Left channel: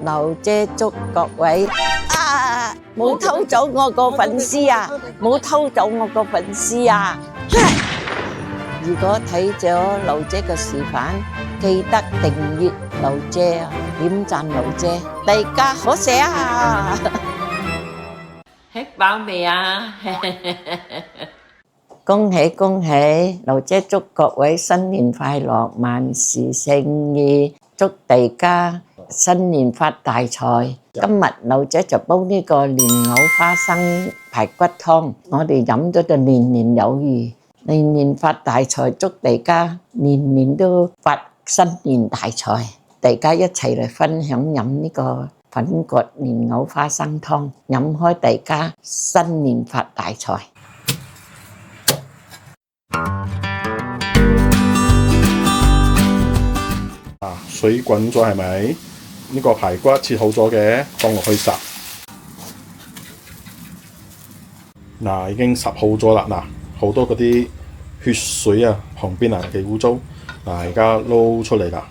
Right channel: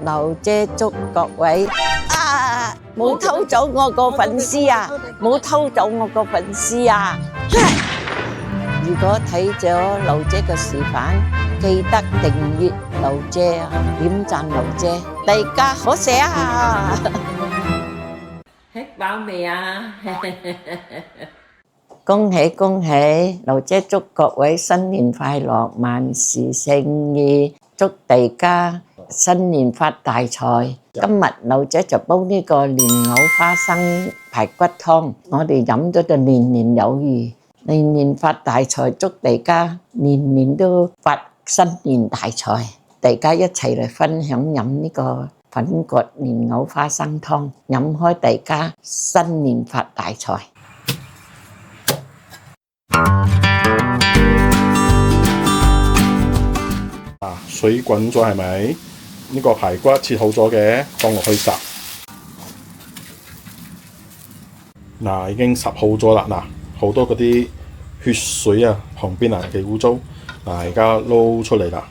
劉姐祝各位冇偷走我個粉絲啊！冇偷走我個粉絲啊！如果睇咗劉姐嘅示範，記得訂閱劉姐啊，點讚劉姐，大家好寫啊！吃飽未啊？恭喜恭喜！劉姐祝各位新年快樂，萬事勝意，祝大家新年發大財。今日劉姐就煲呢個蓮藕花生排骨湯，我哋飲咗就年年有餘，年年發大財，祝大家年年都發新年大財。大家一齊嚟分享飲呢個粉葛蓮藕花生湯，飲開大家新年發大財。水滾咗係咪？呢個排骨切好咗嘅，放落去烚。嗱，已經烚好咗啦。嗱，好多嗰啲血水啊，旁邊啊幾污糟。嗱，而家撈出嚟啦。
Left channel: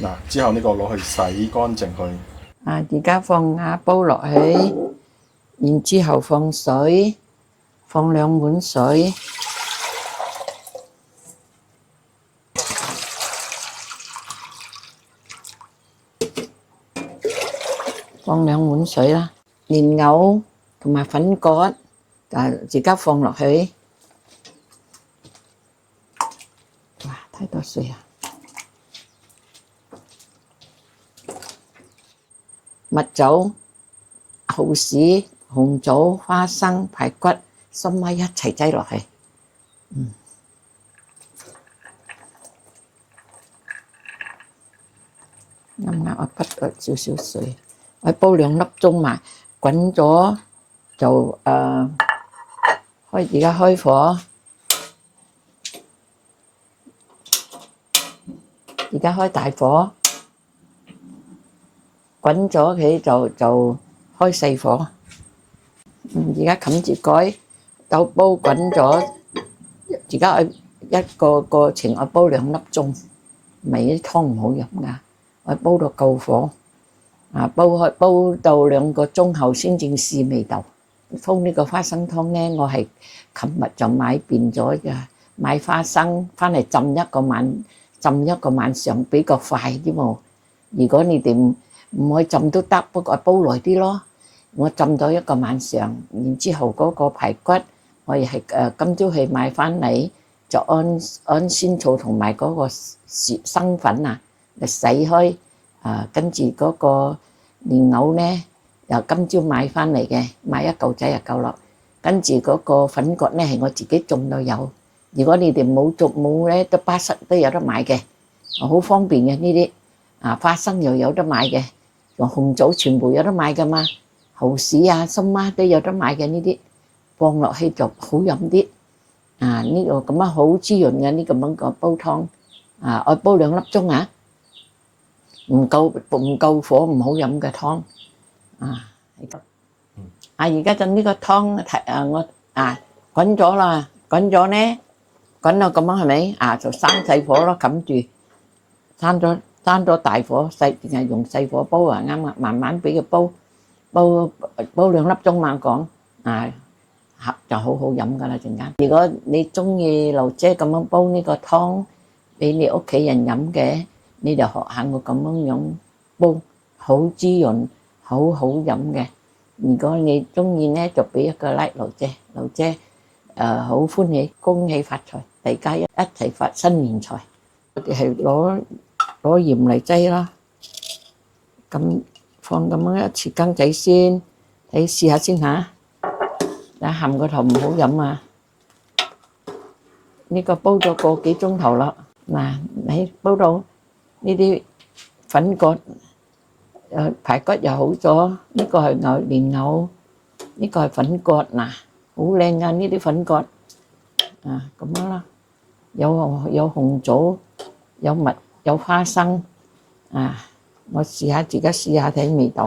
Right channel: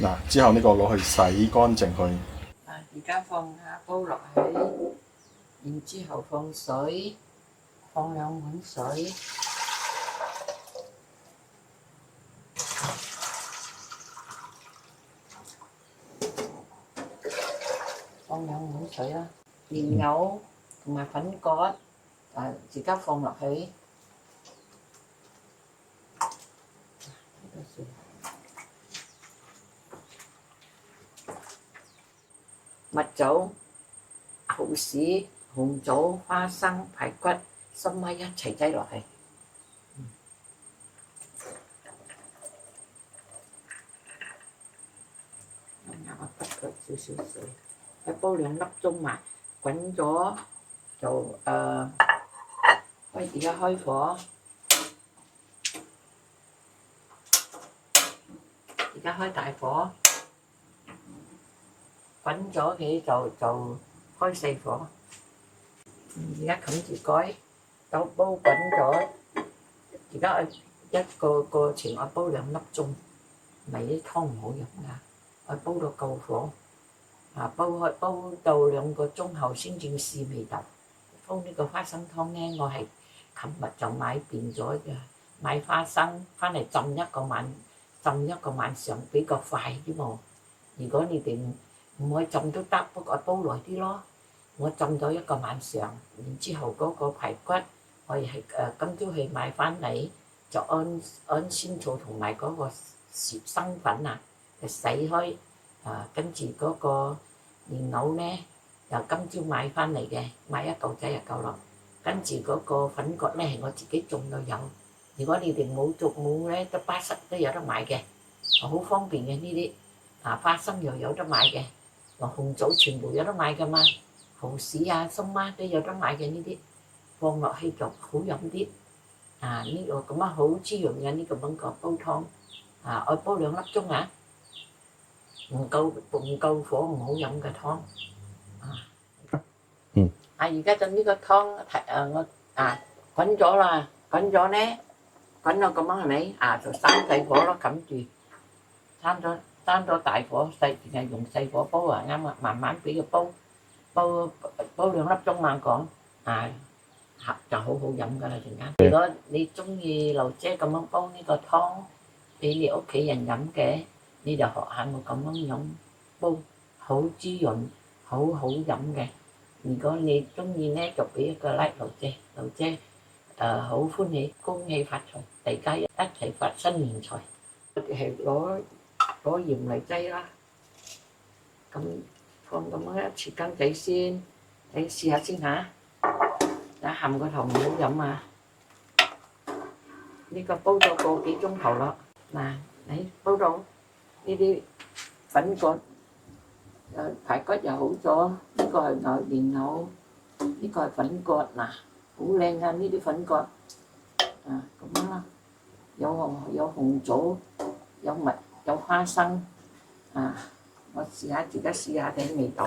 嗱，之後呢個攞去洗乾淨佢。而家放瓦煲落去。然之後放水，放2碗水，放2碗水啦。蓮藕同埋粉葛，而家放落去。哇！太多水啊！蜜棗、蠔豉、紅棗、花生、排骨、深米一齊擠落去。啱啱我滗咗少少水，我煲2粒鐘嘛，滾咗就而家開火，而家開大火，滾咗佢就開細火。而家冚住蓋，豆煲滾咗，而家一個過程我煲2粒鐘，咪啲湯唔好飲噶，我煲到夠火，煲到2個鐘後先正試味道。煲呢個花生湯咧，我係琴日就買遍咗嘅，買花生翻嚟浸一個晚上比較快啲喎。如果你哋唔可以浸都得，不過煲耐啲咯。我浸咗1個晚上，然之後嗰個排骨，我亦係今朝去買翻嚟，就按鮮草同埋嗰個生粉啊嚟洗開，跟住嗰個蓮藕咧，又今朝買翻嚟嘅，買1嚿仔就夠啦。跟住嗰個粉葛咧係我自己種到有，如果你哋冇咧，都巴剎都有得買嘅，好方便嘅呢啲。花生又有得買嘅，紅棗全部有得買噶嘛。蠔豉啊、參媽都有得買嘅呢啲，放落去就好飲啲。呢個咁樣好滋潤嘅呢個咁個煲湯。我煲2粒鐘啊，唔夠火唔好飲嘅湯。而家就呢個湯我滾咗啦，滾咗咧，滾到咁樣係咪？就閂細火咯，冚住，閂咗大火，淨係用細火煲啊，啱啊，慢慢俾佢煲2粒鐘嘛講，合就好好飲噶啦陣間。如果你中意劉姐咁樣煲呢個湯俾你屋企人飲嘅，你就學下我咁樣煲，好滋潤，好好飲嘅。如果你中意咧，就俾一個 like 劉姐好歡喜，恭喜發財，大家一齊發新年財。我哋係攞鹽嚟擠啦，咁。放咁樣一匙羹仔先，你試下先嚇。鹹個頭唔好飲啊！呢個煲咗個幾鐘頭啦。嗱，你煲到呢啲粉葛排骨又好咗，呢個係蓮藕，呢個係粉葛嗱，好靚啊！呢啲粉葛咁樣啦，有紅棗，有蜜，有花生我自己試下睇味道。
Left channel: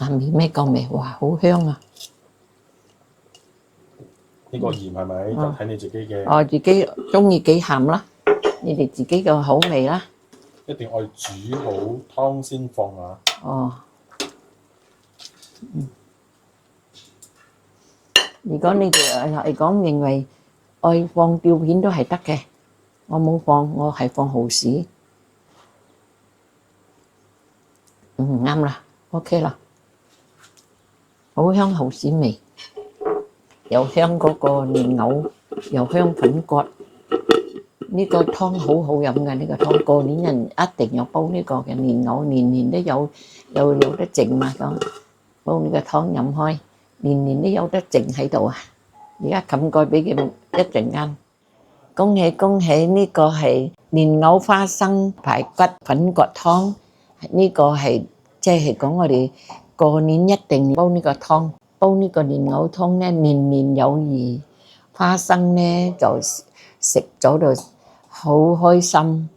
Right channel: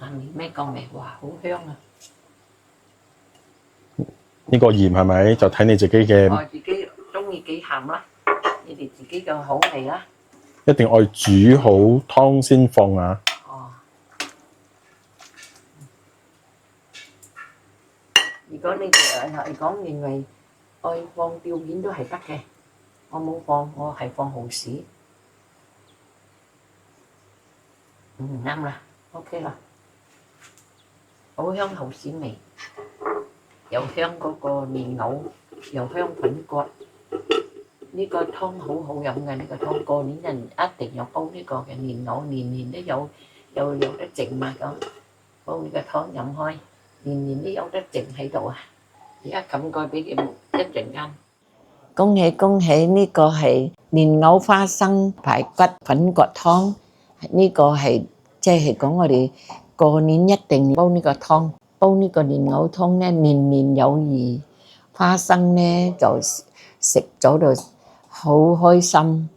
鹹味咩夠味？哇，好香啊！呢個鹽係咪就睇你自己嘅？我自己中意幾鹹啦，你哋自己嘅口味啦。一定要煮好湯先放啊！哦，如果你哋係講認為愛放吊片都係得嘅，我冇放，我係放蠔豉。啱啦 ，OK 啦，好香蠔豉味，又香嗰個蓮藕，又香粉葛。呢個湯好好飲嘅，呢個湯過年人一定有煲呢個嘅蓮藕，年年都有得剩嘛咁，煲呢個湯飲開，年年都有得剩喺度啊！而家冚蓋俾佢一陣間，恭喜恭喜！呢個係蓮藕花生排骨粉葛湯，呢個係即係講我哋過年一定煲呢個湯，煲呢個蓮藕湯咧，年年有餘，花生咧就食咗就好開心，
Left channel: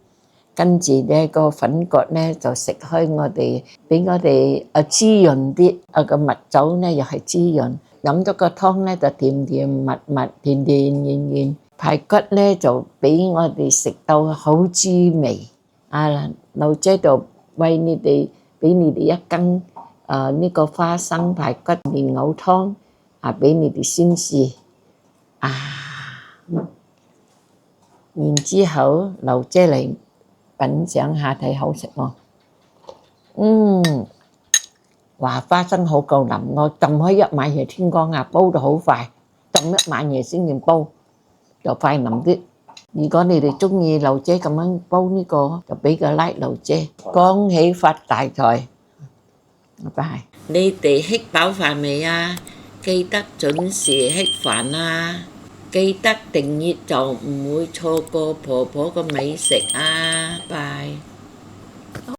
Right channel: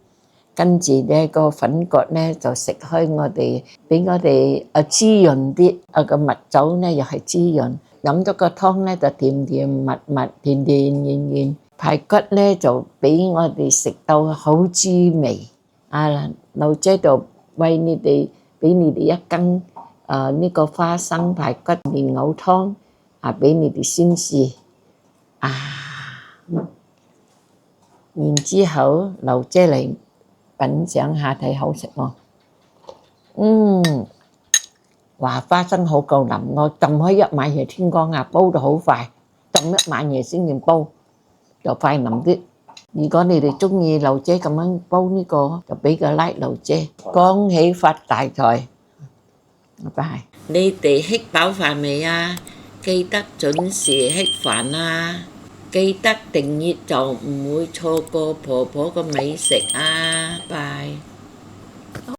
跟住咧個粉葛咧就食開我哋，俾我哋滋潤啲，個蜜酒咧又係滋潤，飲咗個湯咧就甜甜蜜蜜、甜甜軟軟，排骨咧就俾我哋食到好滋味。啊，老姐就為你哋俾你哋一羹呢個花生排骨蓮藕湯啊，俾你哋先試啊。然之後，劉姐嚟品嚐下睇好食喎。話花生好夠腍，我浸開一晚夜天光啊，煲到好快，浸一晚夜先至煲，就快腍啲。如果你哋中意劉姐咁樣煲呢個，就俾個 like 劉姐，恭喜發大財，拜拜。你哋吃飽飯未啊？記得準時吃飯啊！記得訂閱就唔會錯過婆婆嘅美食啊！